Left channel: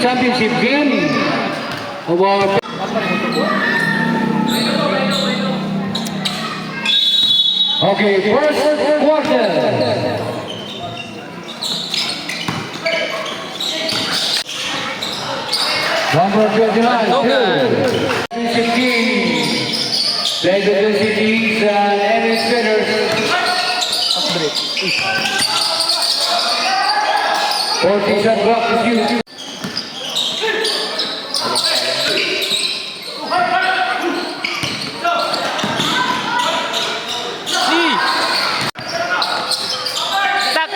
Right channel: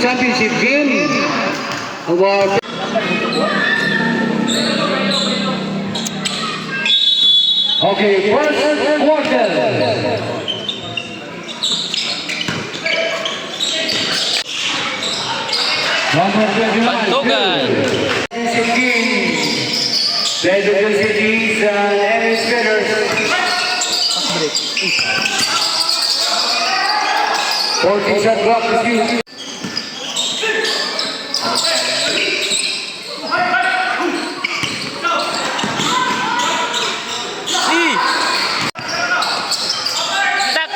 Championship game. Award. Okay, first quarter. Number 21. Played with the cities and administrators. 40 shot clock is due.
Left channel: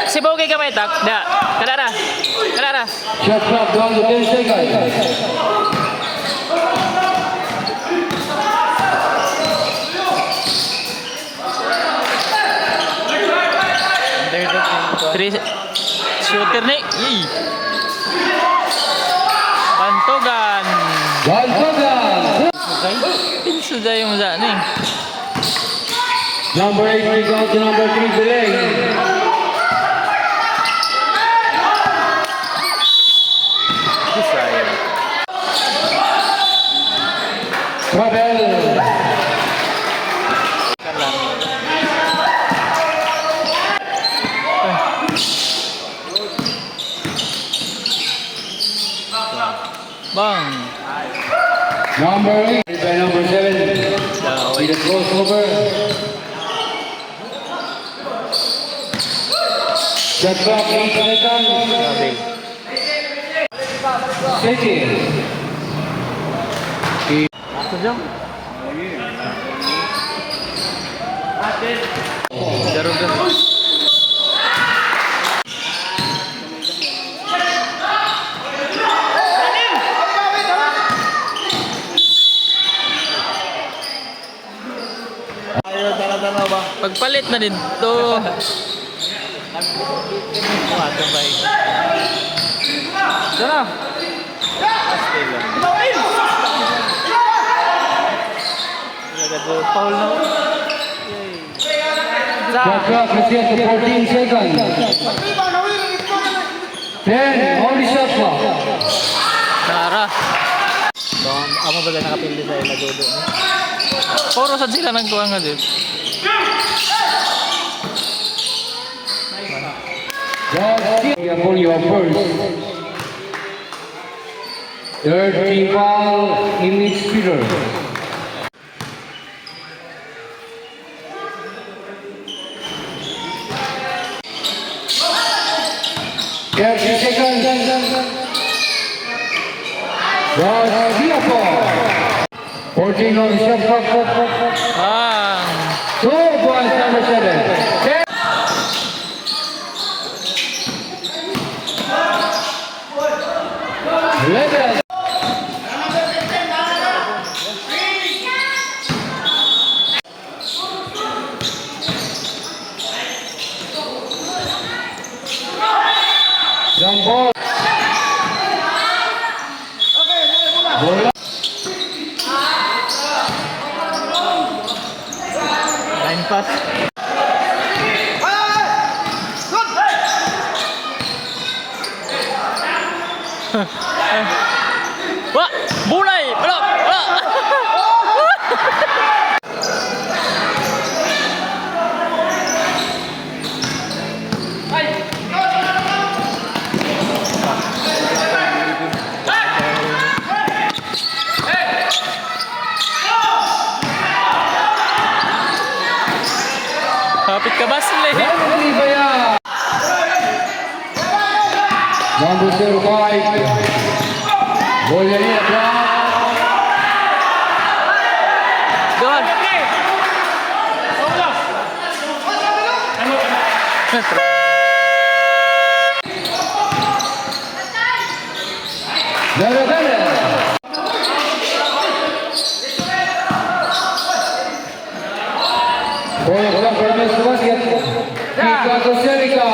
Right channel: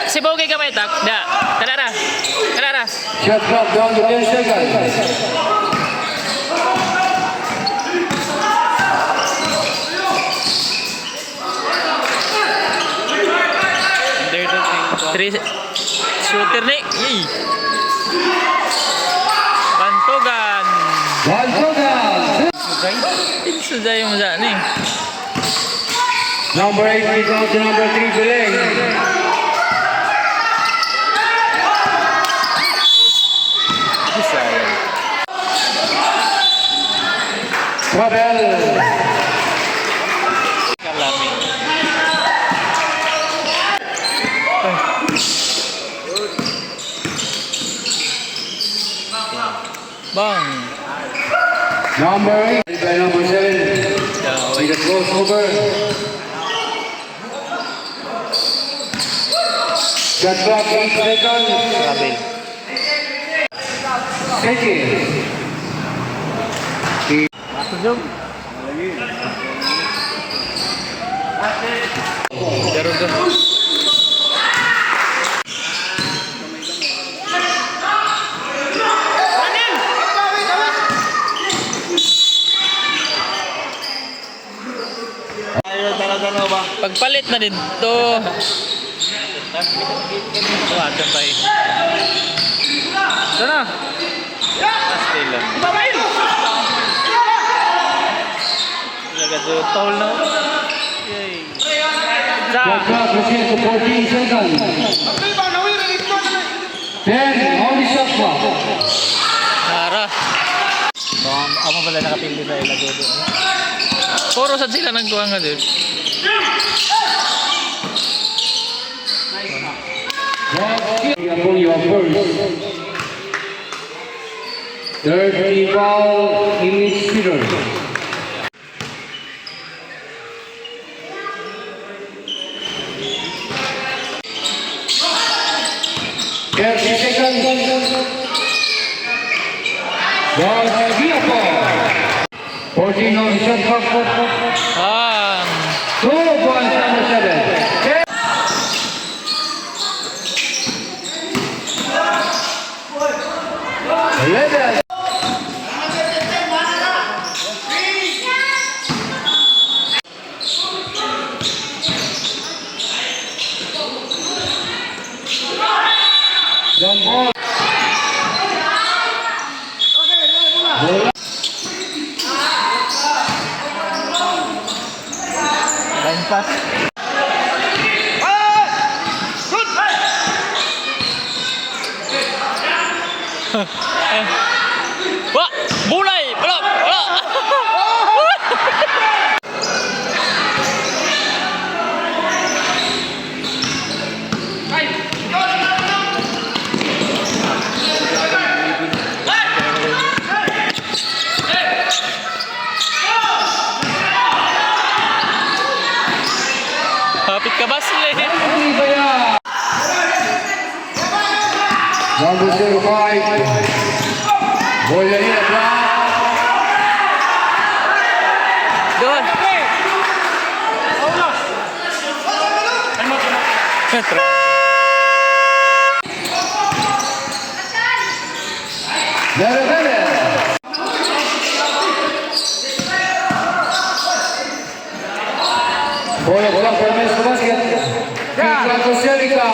Si Bogey ka may tak? Da. Kadara. Kadara. Shot clock down to 10 seconds. Three shooter ni. Bantogan. Bantogan. Sudah yung masa ni. Number 8 rebound to number 3 Beleng. Sayang. Trouble. Kalami. Bang. Number 8 by number 7. With a crossover. Shot clock 8 seconds. Second. Masuk jom. Jarum dah. Pagpalit na din to. Kuha ka ba eh. Sana. Astay lang. Nagado foul na. Yay. Shot clock reset to 14 seconds. 10. Only shot clock. Nara. Amo pala nakapili sa ilagodo. Puro sad sila nagkuha nga din. Upon your first. 30 foul in each Peter. Seconds. Was Singapore. 14 on shot clock. 2 points number 7. Level. Jump ball. Bola. Line pass. Wah, bulai, belum, belum. Hapit ka ba sila? Number 05. Bola niya drop. Doon. Darabella. Bola bola permain ke basket. Kita Costa Rica.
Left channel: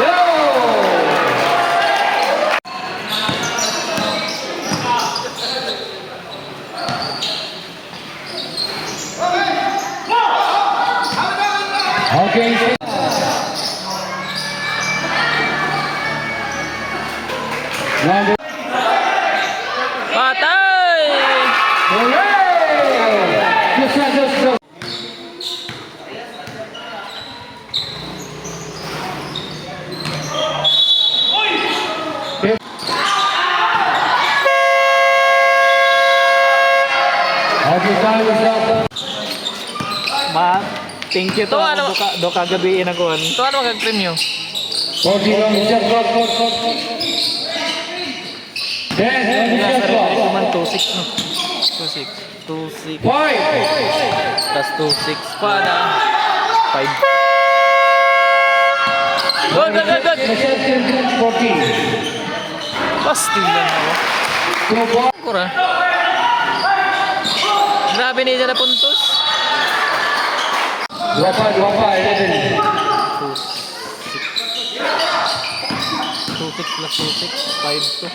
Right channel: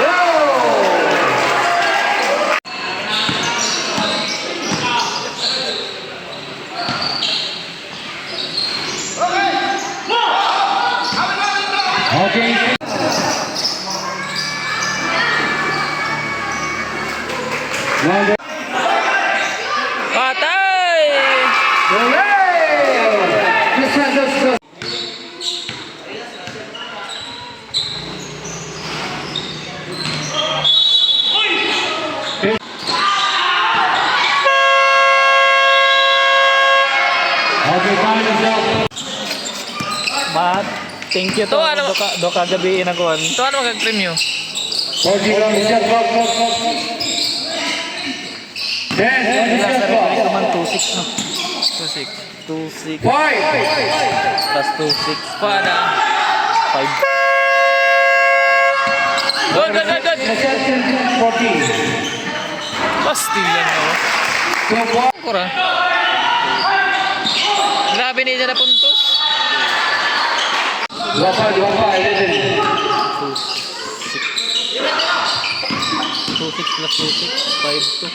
Go! Okay. Number Patay! Hooray! Just let us go. Okay, time is up. Mat, thank you to. To, ano? Do kagabi inakuan. Ito ano mag-premyo? 40 on the shot clock. 10 on the shot Nasa clock. referee ko man 2-6 no. 2-6. 2-6 5. plus 2-6 Paano? 5. Good, good, good, good. Possession 14. Pastil lang ako. 2 ball. Kura. Grabe niya na puntos. 11. 2-6 plus 2-6 5-2.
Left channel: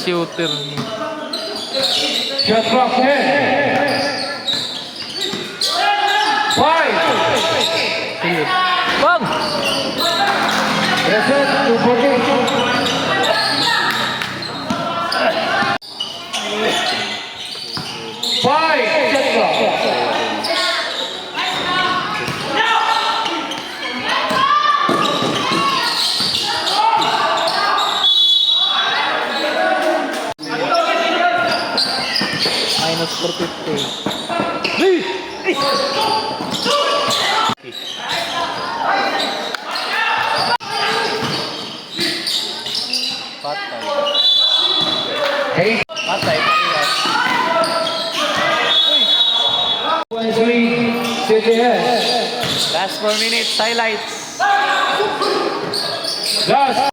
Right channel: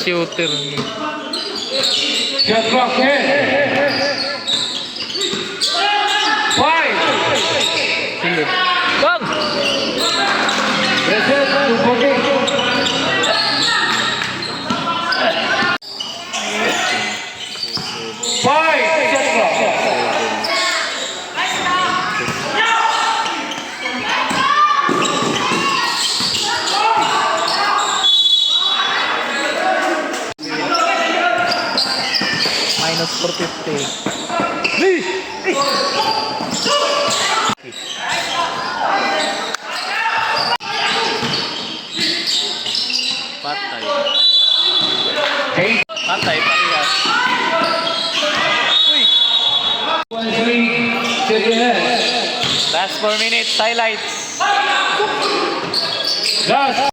Shooter ni. Shot clock 10. 5. Silid. Bang! Reset to 14. 5. Shot clock. Minus 450. Patay. 8. Patay, parehas. 1-3. City head. Last 4 minutes, highlights. Last.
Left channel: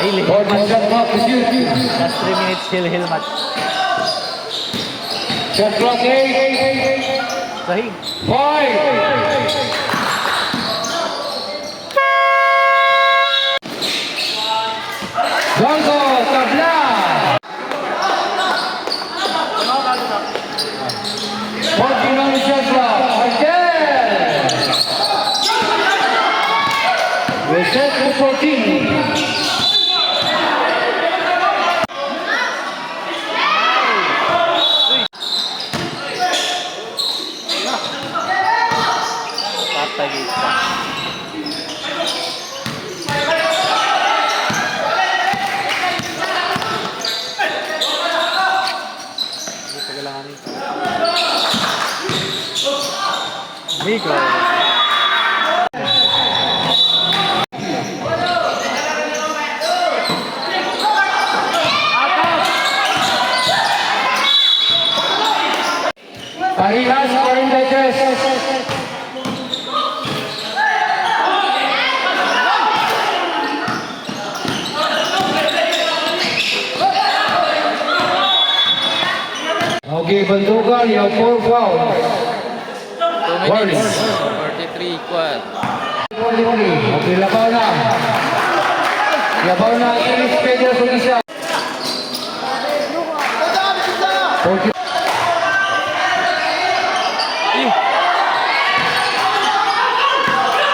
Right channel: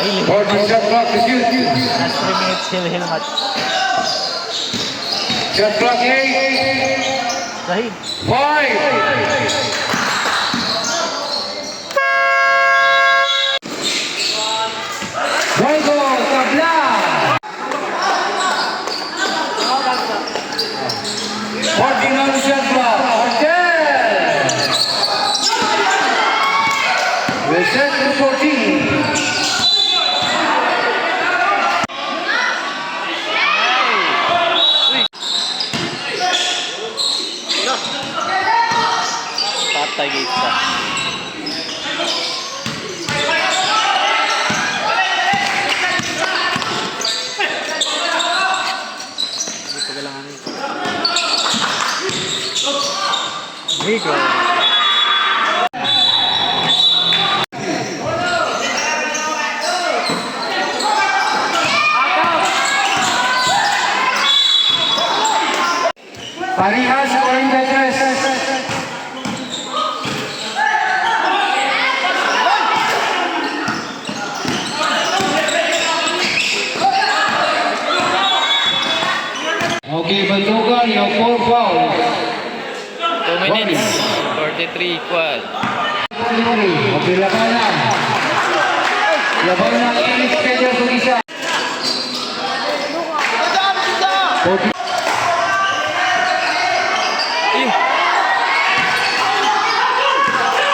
14 shot clock is used. Last 3 minutes, hill match. Shot clock 8. Sahig. 5. Bongo Tabla. 14 on the shot clock. Artel. Reset to 14. Patay isa. Hindi pa galangan ito. Nico. Parehas 43. Okay, Bandugan, you have 4 fouls. 2 minutes. 43 equal. 43. Okay, laban na. Laban na ang English Pedro kung isa. 40.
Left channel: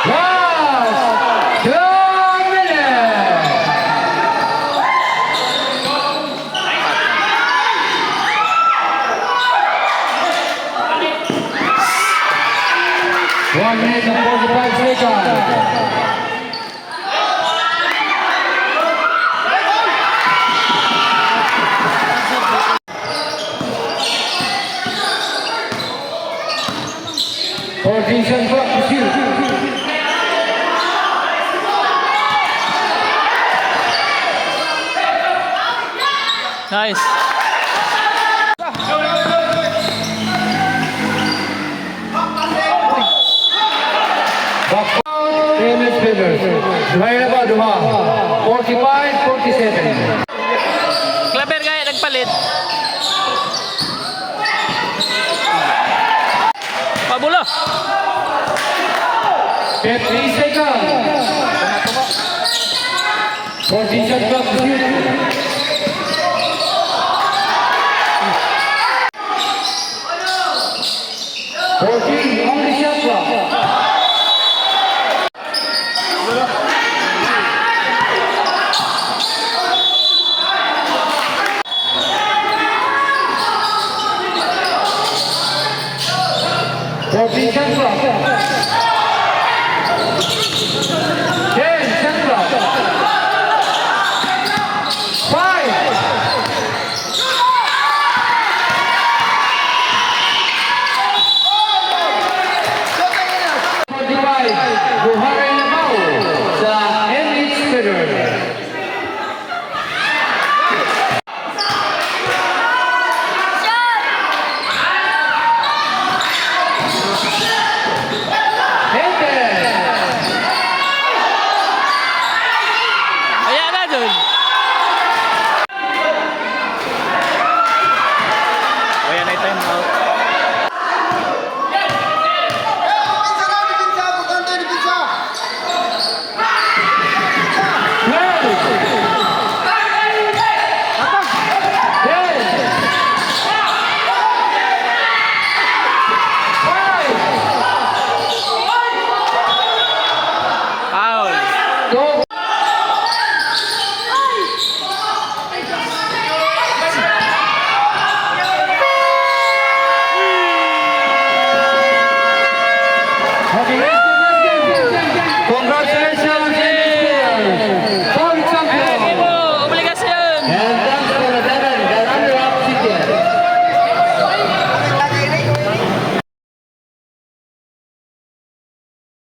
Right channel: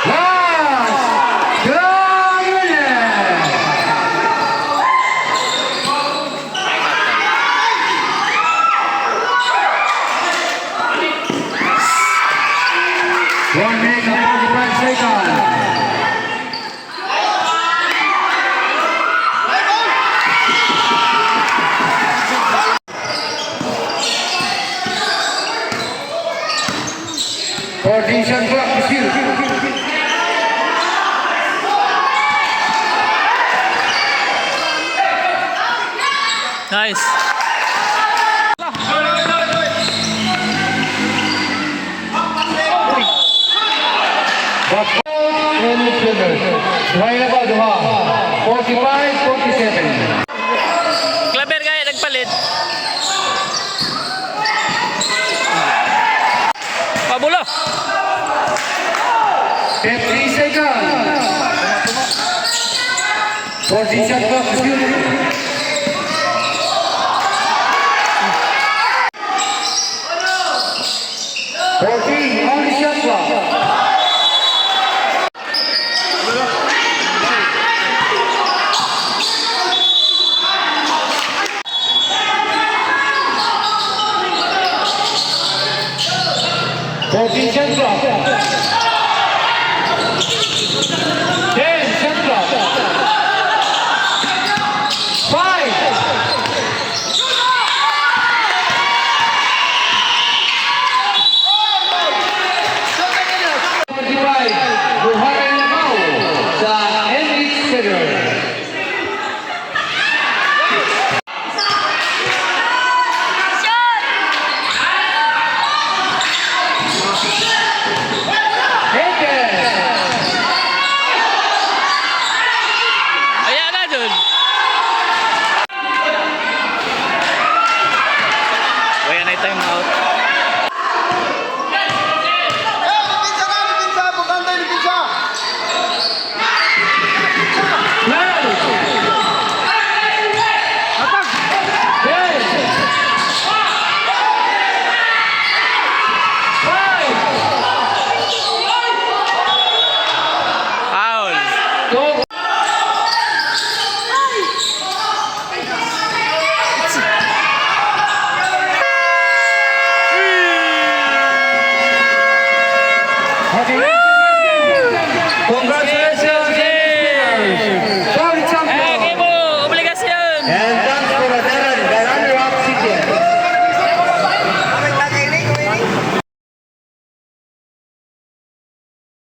Last 2 minutes. Patay. 1 minute and 45 seconds. Shot clock is used. Nice. Back out, English Pedro. Line about 45-47. Klaber kaya nagpalit. Pabulo. 50 seconds. 40 shot clock is used. Only shot clock. 14 Central. 10 Central. 5. Buharay Namaw sa MH Federer. Ayan na dun.